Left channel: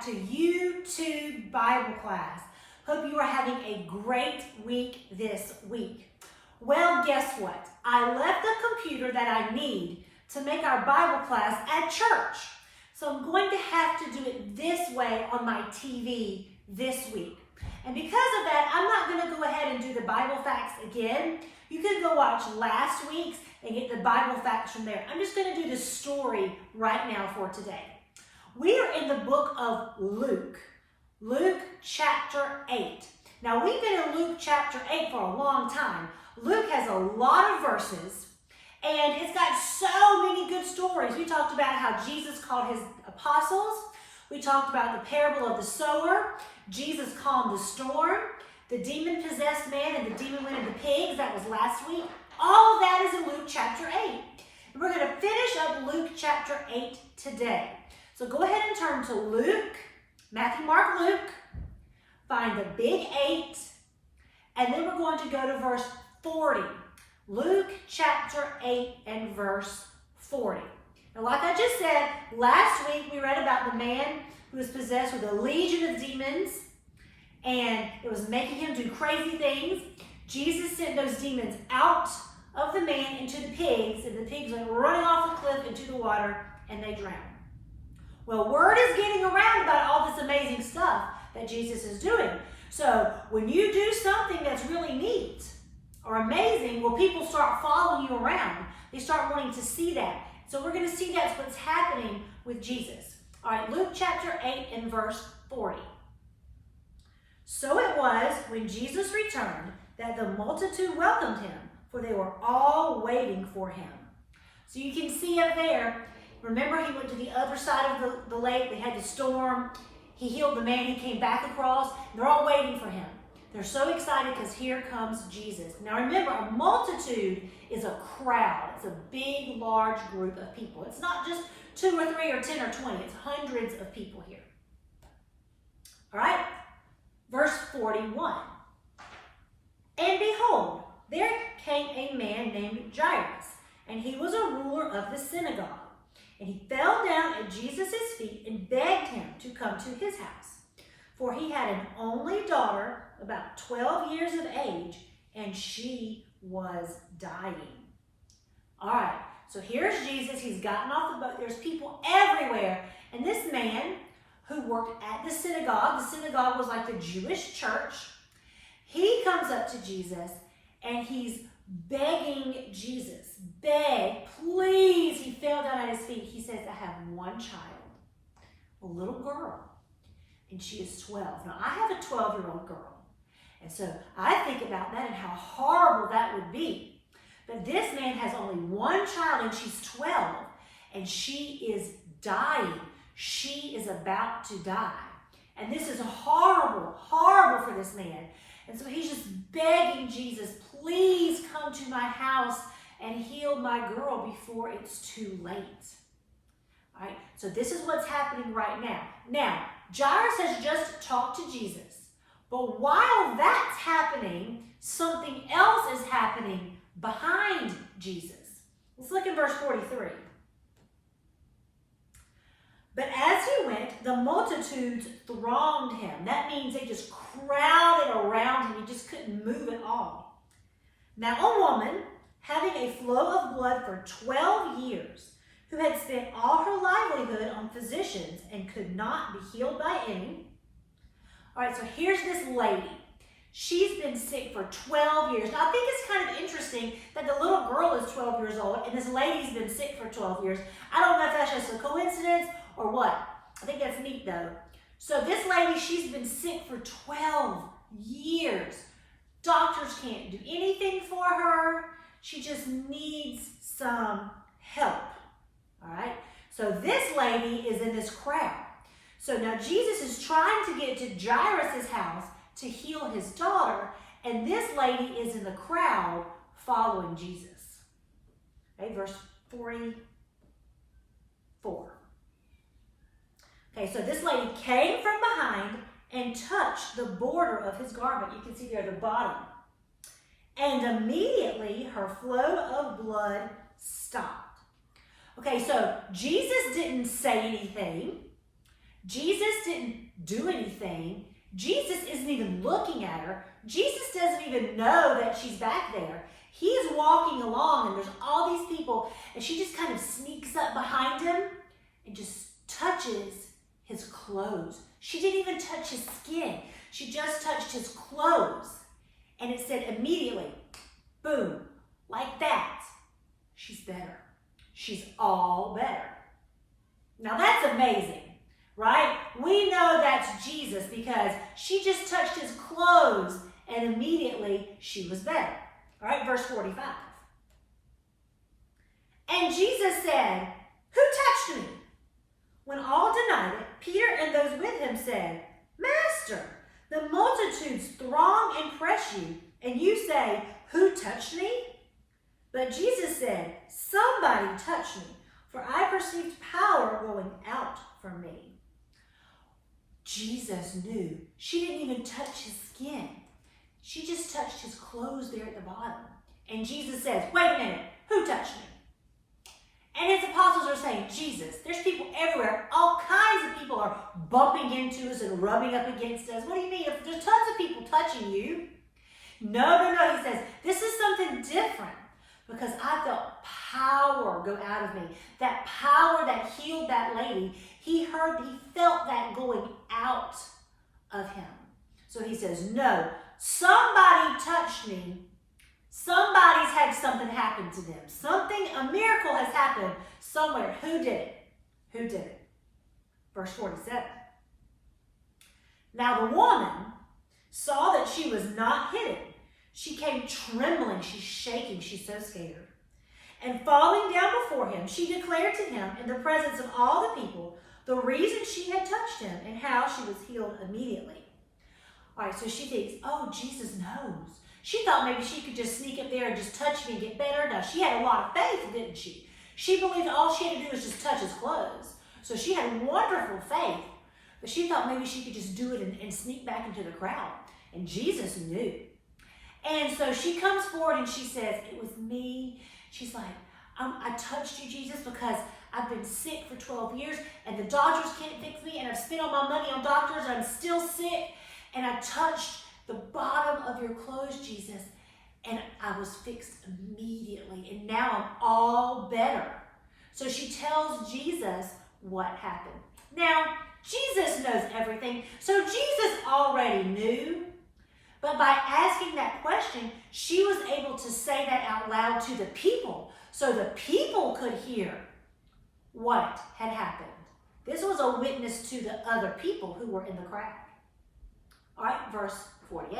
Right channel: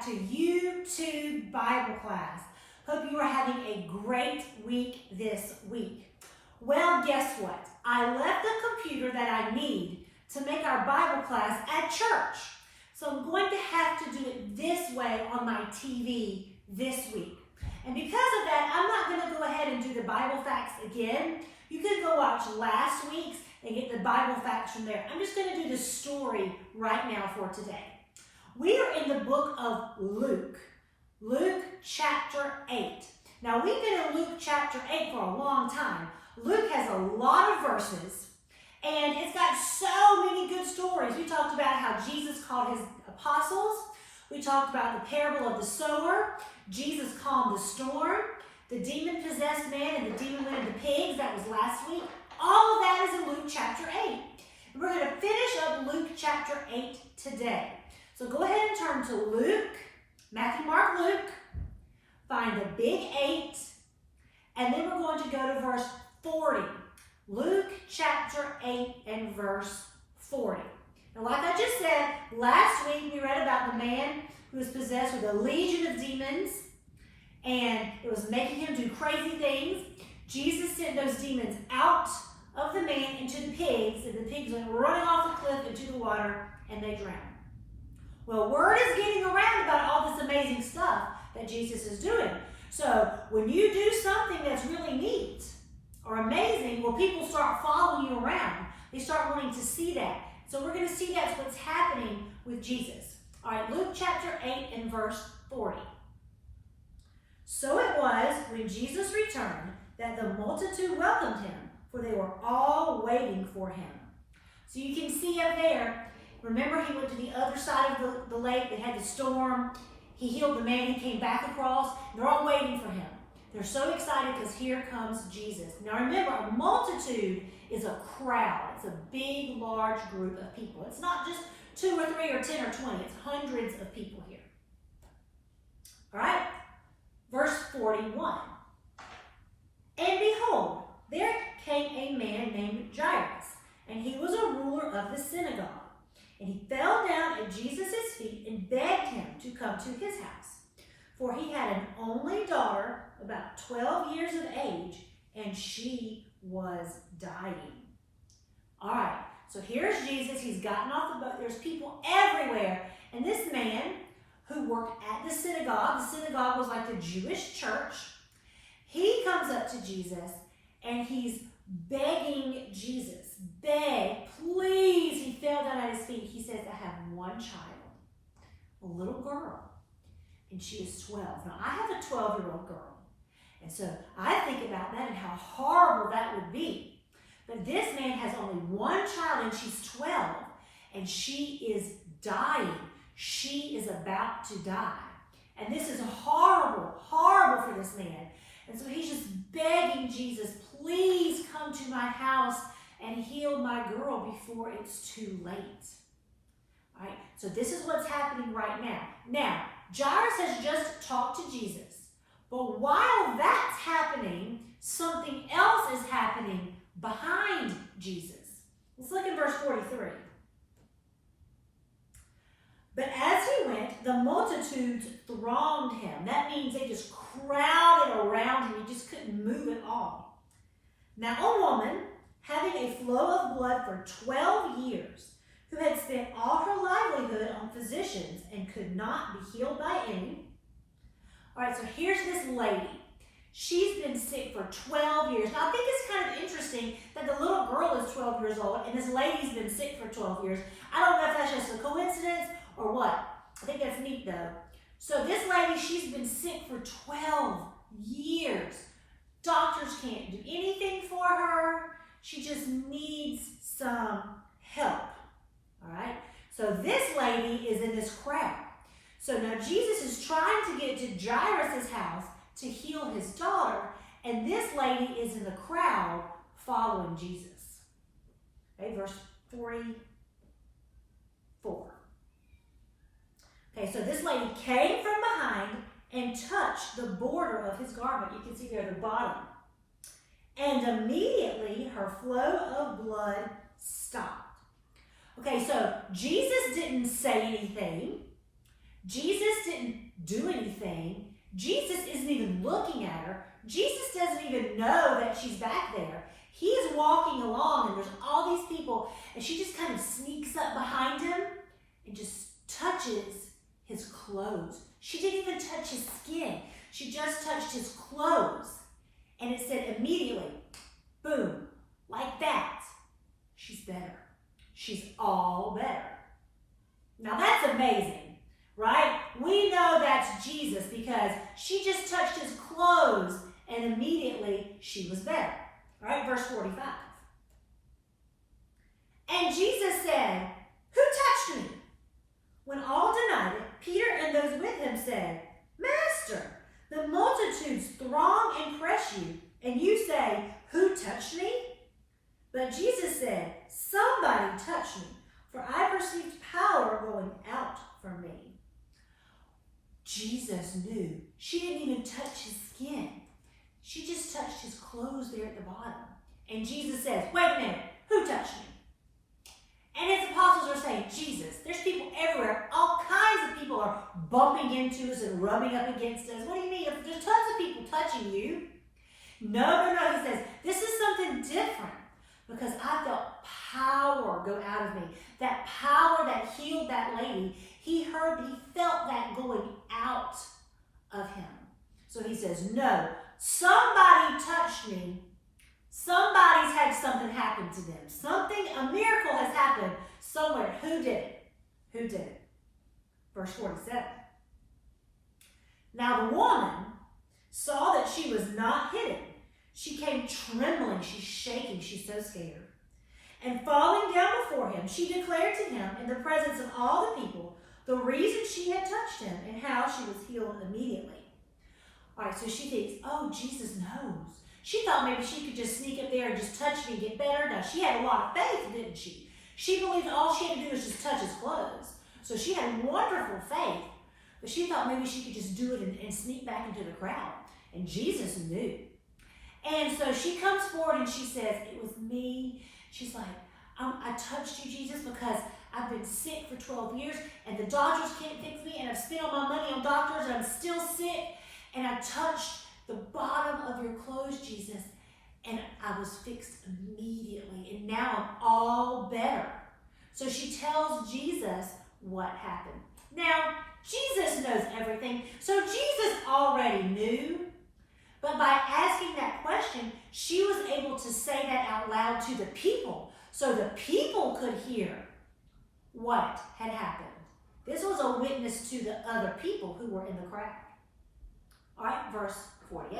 back to YouTube Bible class. Hope you are having a great week this week. Well, guess what? I left the computer that I need to make our Bible class at church. So I'm going to have to do it this way on my TV this week. And because of that, I'm not going to go ahead and do the Bible facts again. You can go watch last week's and get the Bible facts from there. I'm just going to do the story right now for today. We are in the book of Luke chapter 8. Now, we've been in Luke chapter 8 for a long time. Luke has a lot of verses, and it's got so many good stories. We talked about how Jesus called his apostles. We talked about the parable of the sower. Jesus calmed the storm. The demon-possessed man and the demon went into pigs. That was last week. All of that is in Luke chapter 8. And we're going to finish up Luke chapter 8 today. So go ahead and turn to Luke, Matthew, Mark, Luke. Find the big 8. And then we're going to go to verse 40. Luke chapter 8 and verse 40. Now, like I just said, last week we read about the man who was possessed with a legion of demons, and it was making him do crazy things. Jesus sent those demons out of the man into the pigs, and the pigs went running off the cliff into the water, and they drowned. Well, word is getting around about all this amazing stuff that Jesus is doing. So when you do something that's really neat or amazing, well, people start following you around. They start wanting to see that. So we're going to see that's what's happening with Jesus. All right, Luke chapter 8 and verse 40. So it was when Jesus returned that the multitude welcomed him, for they were all waiting for him. So you can see up there, remember he went to the other side of the lake. They had the storm. He healed the man. He came back across. They're all waiting for him. They're so excited because here comes Jesus. Now remember, a multitude is a crowd. It's a big, large group of people. It's not just 2 or 3 or 10 or 20. It's hundreds of people here. All right? Verse 41. And behold, there came a man named Jairus, and he was a ruler of the synagogue. And he fell down at Jesus' feet and begged him to come to his house. For he had an only daughter, about 12 years of age, and she was dying. All right, so here's Jesus. He's gotten off the boat. There's people everywhere. And this man who worked at the synagogue was like the Jewish church, he comes up to Jesus and he's begging Jesus, beg, please. He fell down at his feet. He says, I have one child, a little girl, and she is 12. Now, I have a 12-year-old girl, and so I think about that and how horrible that would be. But this man has only one child, and she's 12, and she is dying. She is about to die. And this is horrible, horrible for this man. And so he's just begging Jesus, please come to my house and heal my girl before it's too late. All right, so this is what's happening right now. Now, Jairus has just talked to Jesus. But while that's happening, something else is happening behind Jesus. Let's look at verse 43. But as he went, the multitudes thronged him. That means they just crowded around him. He just couldn't move at all. Now, a woman having a flow of blood for 12 years, who had spent all her livelihood on physicians and could not be healed by any. All right, so here's this lady. She's been sick for 12 years. Now, I think it's kind of interesting that the little girl is 12 years old and this lady's been sick for 12 years. I don't know if that's just a coincidence or what. I think that's neat, though. So this lady, she's been sick for 12 years. Doctors can't do anything for her. She just needs some help. All right? So this lady is in this crowd. So now Jesus is trying to get to Jairus' house to heal his daughter, and this lady is in the crowd following Jesus. Okay, verse 44. Okay, so this lady came from behind and touched the border of his garment. You can see there the bottom. And immediately her flow of blood stopped. Okay, so Jesus didn't say anything. Jesus didn't do anything. Jesus isn't even looking at her. Jesus doesn't even know that she's back there. He's walking along and there's all these people and she just kind of sneaks up behind him and just touches his clothes. She didn't even touch his skin. She just touched his clothes. And it said immediately, boom, like that, she's better. She's all better. Now that's amazing, right? We know that's Jesus because she just touched his clothes and immediately she was better. All right, verse 45. And Jesus said, who touched me? When all denied it, Peter and those with him said, Master, the multitudes throng and press you, and you say, who touched me? But Jesus said, somebody touched me, for I perceived power going out from me. Jesus knew. She didn't even touch his skin. She just touched his clothes there at the bottom. And Jesus says, wait a minute, who touched me? And his apostles are saying, Jesus, there's people everywhere. All kinds of people are bumping into us and rubbing up against us. What do you mean? There's tons of people touching you. No. He says, this is something different because I felt power go out of me. That power that healed that lady, he felt that going out of him. So he says, no, somebody touched me. Somebody's had something happen to them. A miracle has happened somewhere. Who did it? Who did it? Verse 47. Now the woman saw that she was not hidden. She came trembling. She's shaking. She's so scared. And falling down before him, she declared to him in the presence of all the people the reason she had touched him and how she was healed immediately. All right, so she thinks, oh, Jesus knows. She thought maybe she could just sneak up there and just touch me and get better. No, she had a lot of faith, didn't she? She believed all she had to do was just touch his clothes. So she had wonderful faith, but she thought maybe she could just do it and sneak back into the crowd. And Jesus knew. And so she comes forward and she says, it was me. She's like, I touched you, Jesus, because I've been sick for 12 years and the doctors can't fix me and I've spent all my money on doctors and I'm still sick. And I touched the bottom of your clothes, Jesus, and I was fixed immediately. And now I'm all better. So she tells Jesus what happened. Now, Jesus knows everything. So Jesus already knew. But by asking that question, she was able to say that out loud to the people. So the people could hear what had happened. This was a witness to the other people who were in the crowd. All right, verse 48.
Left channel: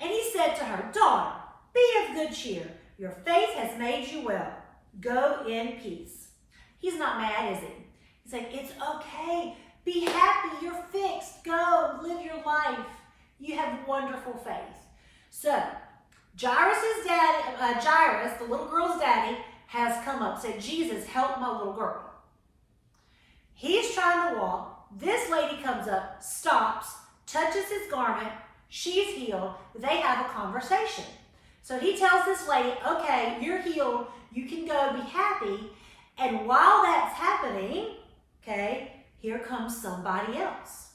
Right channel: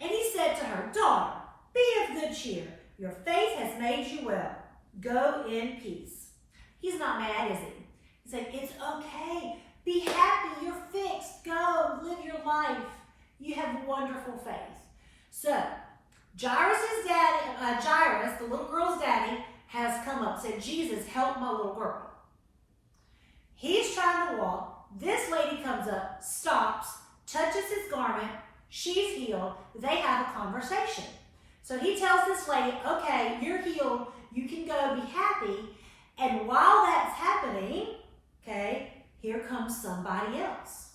And he said to her, daughter, be of good cheer. Your faith has made you well. Go in peace. He's not mad, is he? He's like, it's okay. Be happy. You're fixed. Go. Live your life. You have wonderful faith. So, Jairus, the little girl's daddy, has come up, said, Jesus, help my little girl. He's trying to walk. This lady comes up, stops, touches his garment. She's healed. They have a conversation. So he tells this lady, okay, you're healed. You can go be happy. And while that's happening, okay, here comes somebody else.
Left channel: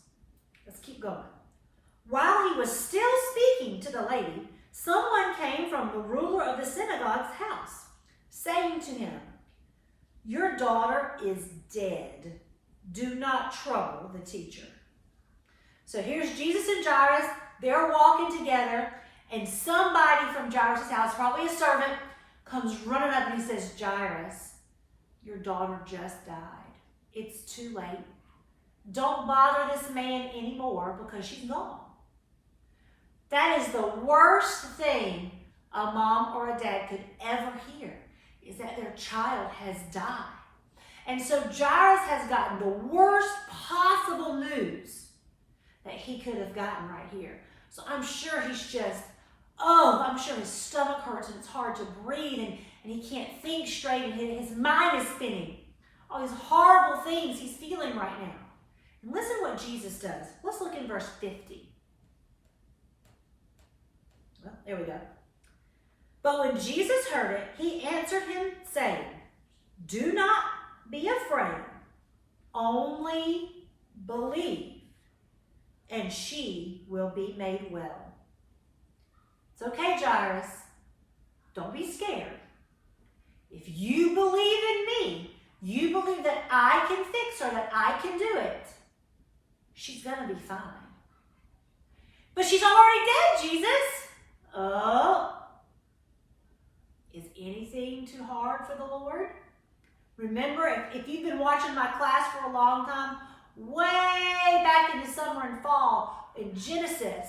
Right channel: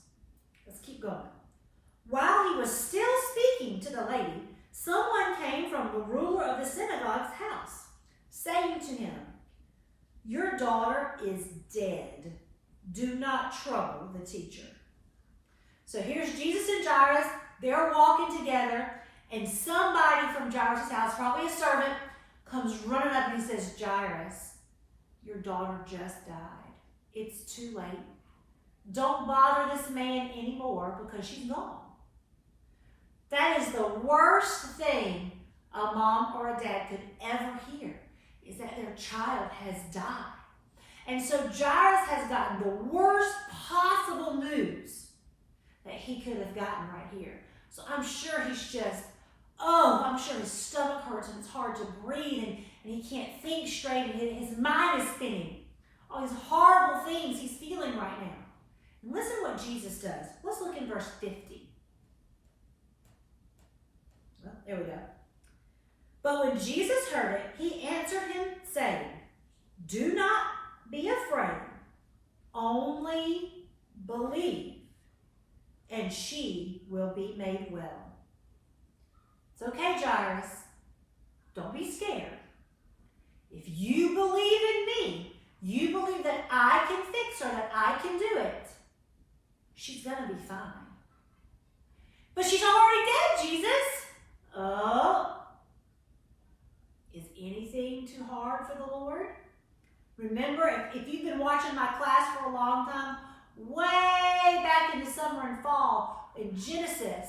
Let's keep going. While he was still speaking to the lady, someone came from the ruler of the synagogue's house, saying to him, your daughter is dead. Do not trouble the teacher. So here's Jesus and Jairus. They're walking together, and somebody from Jairus' house, probably a servant, comes running up and he says, Jairus, your daughter just died. It's too late. Don't bother this man anymore because she's gone. That is the worst thing a mom or a dad could ever hear, is that their child has died. And so Jairus has gotten the worst possible news that he could have gotten right here. So I'm sure he's just, I'm sure his stomach hurts and it's hard to breathe and he can't think straight and his mind is spinning. All these horrible things he's feeling right now. And listen to what Jesus does. Let's look in verse 50. Well, there we go. But when Jesus heard it, he answered him saying, do not be afraid, Only believe, and she will be made well. It's okay, Jairo. Don't be scared. If you believe in me, you believe that I can fix her, that I can do it, she's going to be fine. But she's already dead, Jesus. Oh, is anything too hard for the Lord? Remember, if you've been watching my class for a long time, way back in the summer and fall, in Genesis,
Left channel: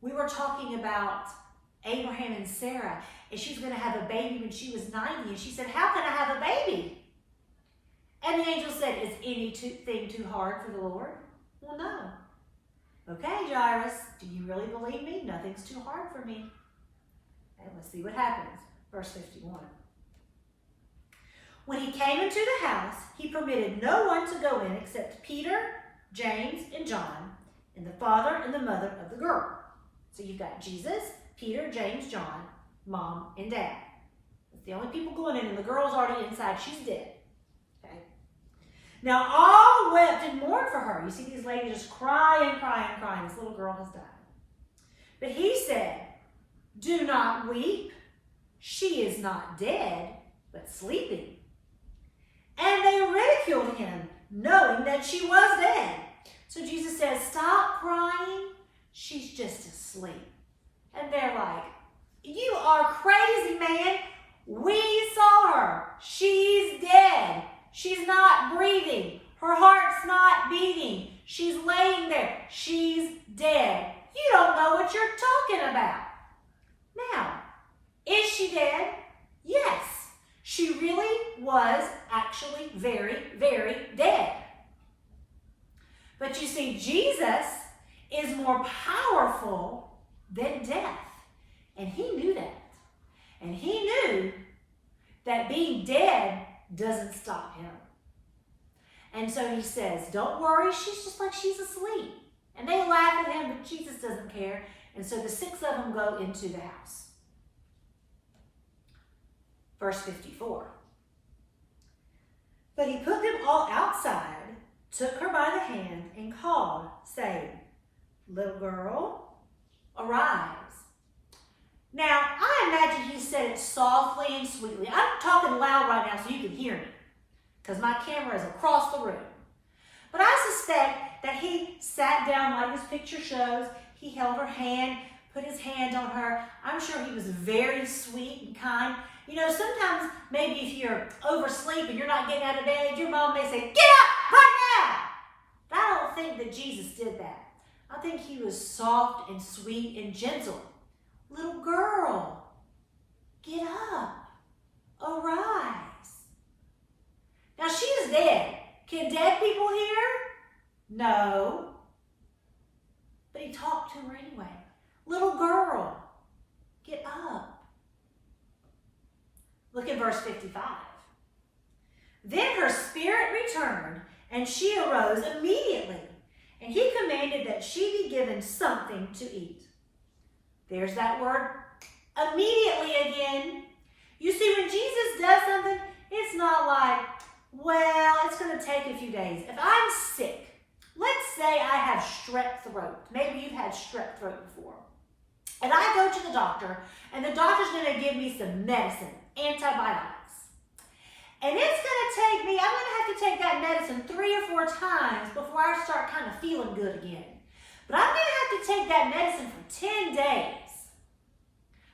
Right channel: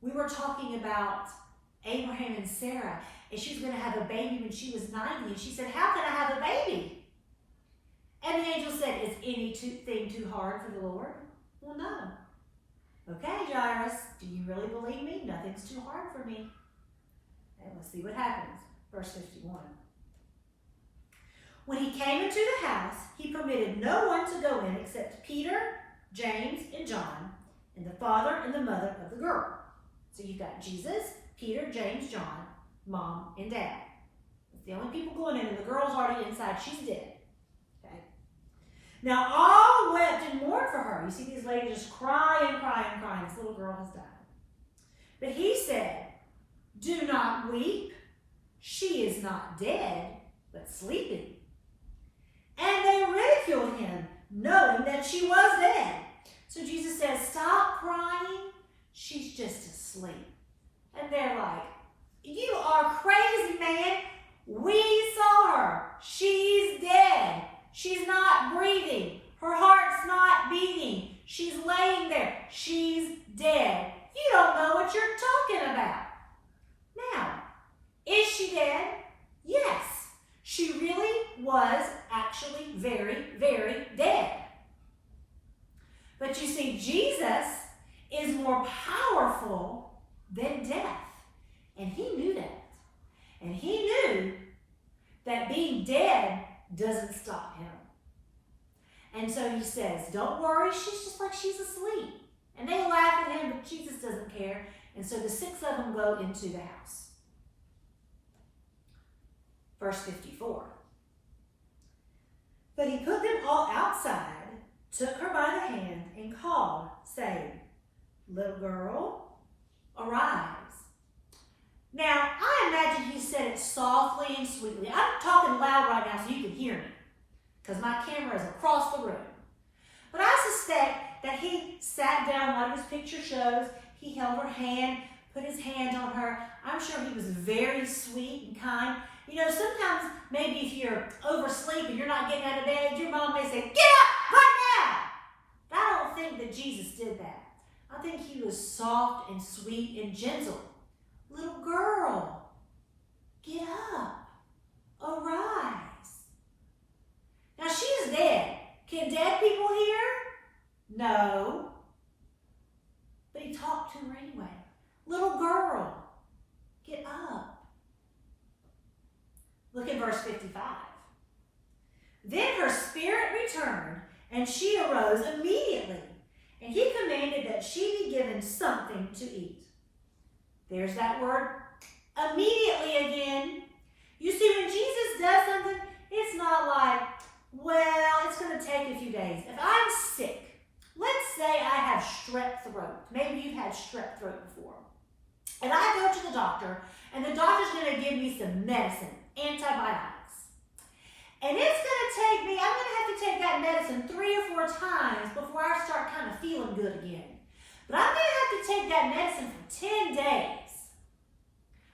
we were talking about Abraham and Sarah, and she was going to have a baby when she was 90, and she said, how can I have a baby? And the angel said, is anything too hard for the Lord? Well, no. Okay, Jairo, do you really believe me? Nothing's too hard for me. And let's see what happens. Verse 51. When he came into the house, he permitted no one to go in except Peter, James, and John, and the father and the mother of the girl. So you've got Jesus, Peter, James, John, mom, and dad. That's the only people going in, and the girl's already inside. She's dead. Okay. Now all wept and mourned for her. You see these ladies just crying. This little girl has died. But he said, do not weep. She is not dead, but sleeping. And they ridiculed him, knowing that she was dead. So Jesus says, stop crying. She's just asleep. And they're like, you are crazy, man. We saw her. She's dead. She's not breathing. Her heart's not beating. She's laying there. She's dead. You don't know what you're talking about. Now, is she dead? Yes. She really was actually very, very dead. But you see, Jesus is more powerful than death. And he knew that. And he knew that being dead doesn't stop him. And so he says, don't worry, she's just like she's asleep. And they laugh at him, but Jesus doesn't care. And so the 6 of them go into the house. Verse 54. But he put them all outside, took her by the hand, and called, saying, little girl, arise. Now, I imagine he said it softly and sweetly. I'm talking loud right now so you can hear me, because my camera is across the room. But I suspect that he sat down like this picture shows. He held her hand, put his hand on her. I'm sure he was very sweet and kind. You know, sometimes maybe if you're oversleep and you're not getting out of bed, your mom may say, get up right now. But I don't think that Jesus did that. I think he was soft and sweet and gentle. Little girl, get up, arise. Now she is dead. Can dead people hear? No. But he talked to her anyway. Little girl, get up. Look at verse 55. Then her spirit returned, and she arose immediately, and he commanded that she be given something to eat. There's that word, immediately again. You see, when Jesus does something, it's not like, well, it's going to take a few days. If I'm sick, let's say I have strep throat. Maybe you've had strep throat before. And I go to the doctor, and the doctor's going to give me some medicine, antibiotics. And it's going to take me, I'm going to have to take that medicine 3 or 4 times before I start kind of feeling good again. But I'm going to have to take that medicine for 10 days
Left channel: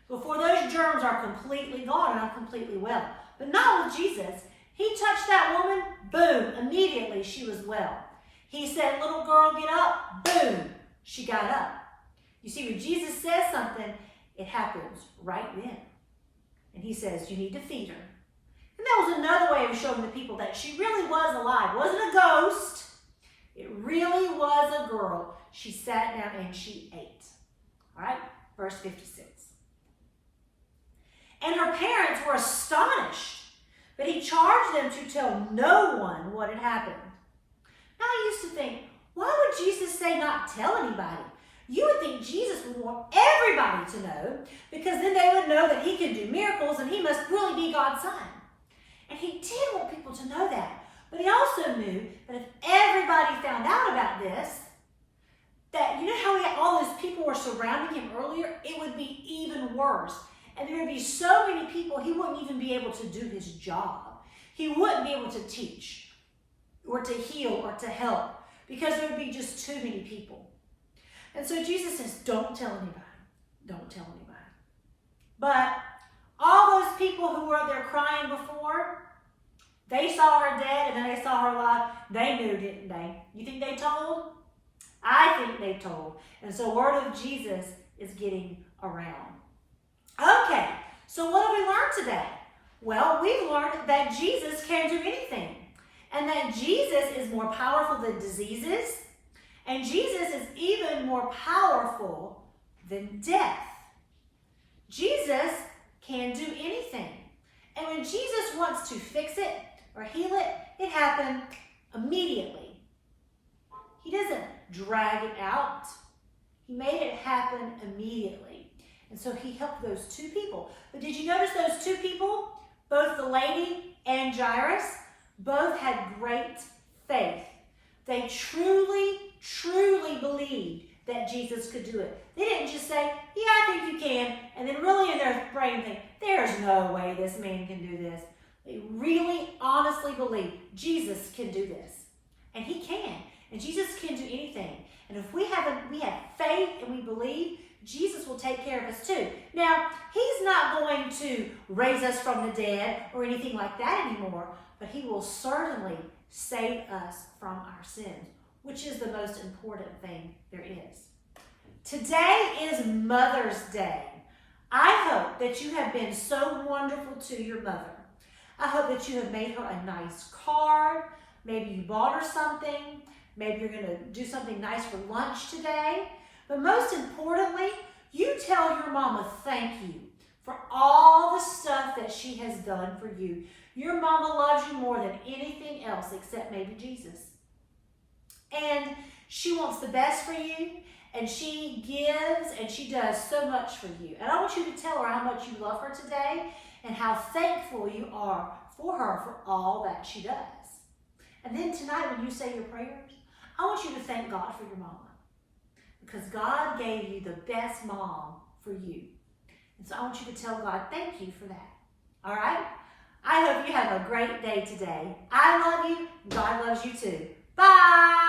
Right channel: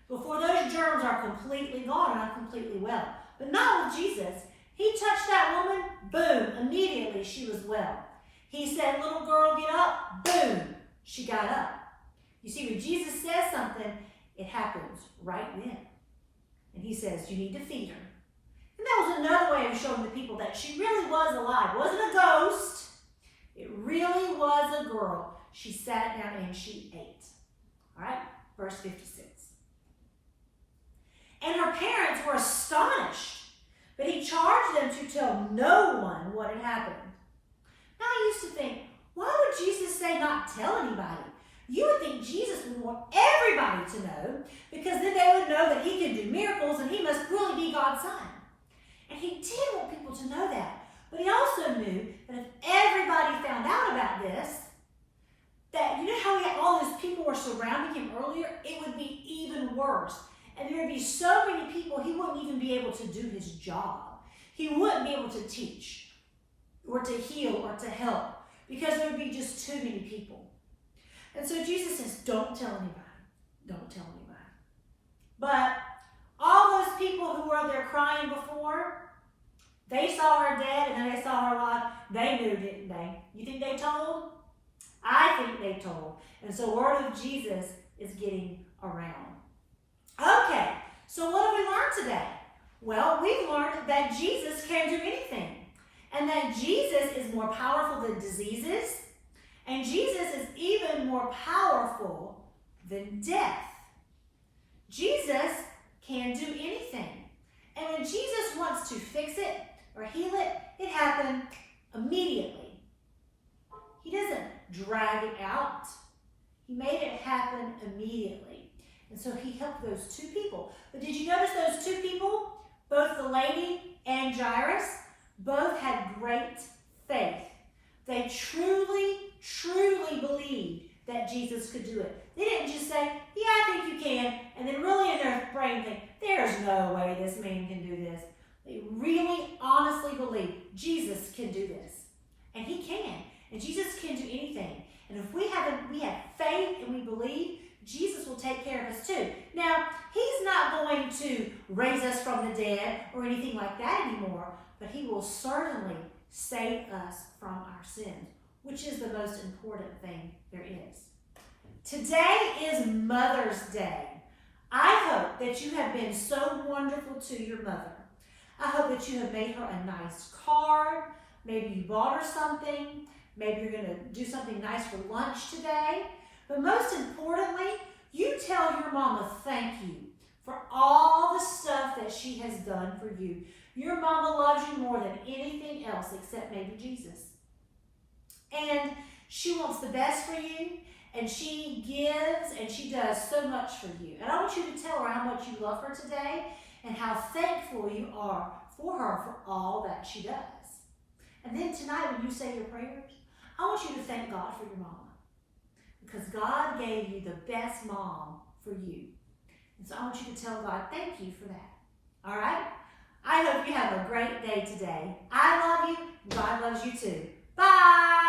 before those germs are completely gone and I'm completely well. But not with Jesus. He touched that woman, boom, immediately she was well. He said, little girl, get up, boom, she got up. You see, when Jesus says something, it happens right then. And he says, you need to feed her. And that was another way of showing the people that she really was alive. It wasn't a ghost. It really was a girl. She sat down and she ate. All right, verse 56. And her parents were astonished, but he charged them to tell no one what had happened. Now I used to think, why would Jesus say not tell anybody? You would think Jesus would want everybody to know, because then they would know that he can do miracles and he must really be God's son. And he did want people to know that. But he also knew that if everybody found out about this, that you know how he had all those people were surrounding him earlier? It would be even worse. And there would be so many people, he wouldn't even be able to do his job. He wouldn't be able to teach or to heal or to help because there would be just too many people. And so Jesus says, don't tell anybody. Don't tell anybody. But all those people who were there crying before, they saw her dead and then they saw her alive. They knew, didn't they? You think they told? I think they told. And so word of Jesus is getting around. Okay, so what have we learned today? Well, we've learned that Jesus can do anything. And that Jesus is more powerful than diseases. And Jesus is even more powerful than death. Jesus can do anything. And when Jesus wants to fix it or heal it, it happens immediately. He doesn't drag it out. He made it happen immediately. And so he helped those two people. But did you notice those two people, both the lady and Jairus, both had great faith. They truly, truly believed that Jesus could do it. They didn't just say, yeah, I think you can, and then really in their brain think, there's no way this man can do this. They really honestly believe Jesus can do this. And he can. And Jesus can do anything. And if we have faith and we believe, Jesus will take care of us too. Now, he's not going to raise us from the dead or anything like that anymore, but he will certainly save us from our sins, which is the most important thing there is. Today is Mother's Day. I hope that you have been so wonderful to your mother. I hope that you have made her a nice card. Maybe you bought her something. Maybe you're going to do something nice for lunch today. But most importantly, you tell your mama thank you for all the stuff that she has done for you. Your mama loves you more than anything else except maybe Jesus. And she wants the best for you, and she gives, and she does so much for you. And I want you to tell her how much you love her today and how thankful you are for her for all that she does. And then tonight when you say your prayers, I want you to thank God for your mama. Because God gave you the best mom for you. And so I want you to tell God, thank you for that. All right? I hope you have a great day today. I love you. God loves you too. Bye.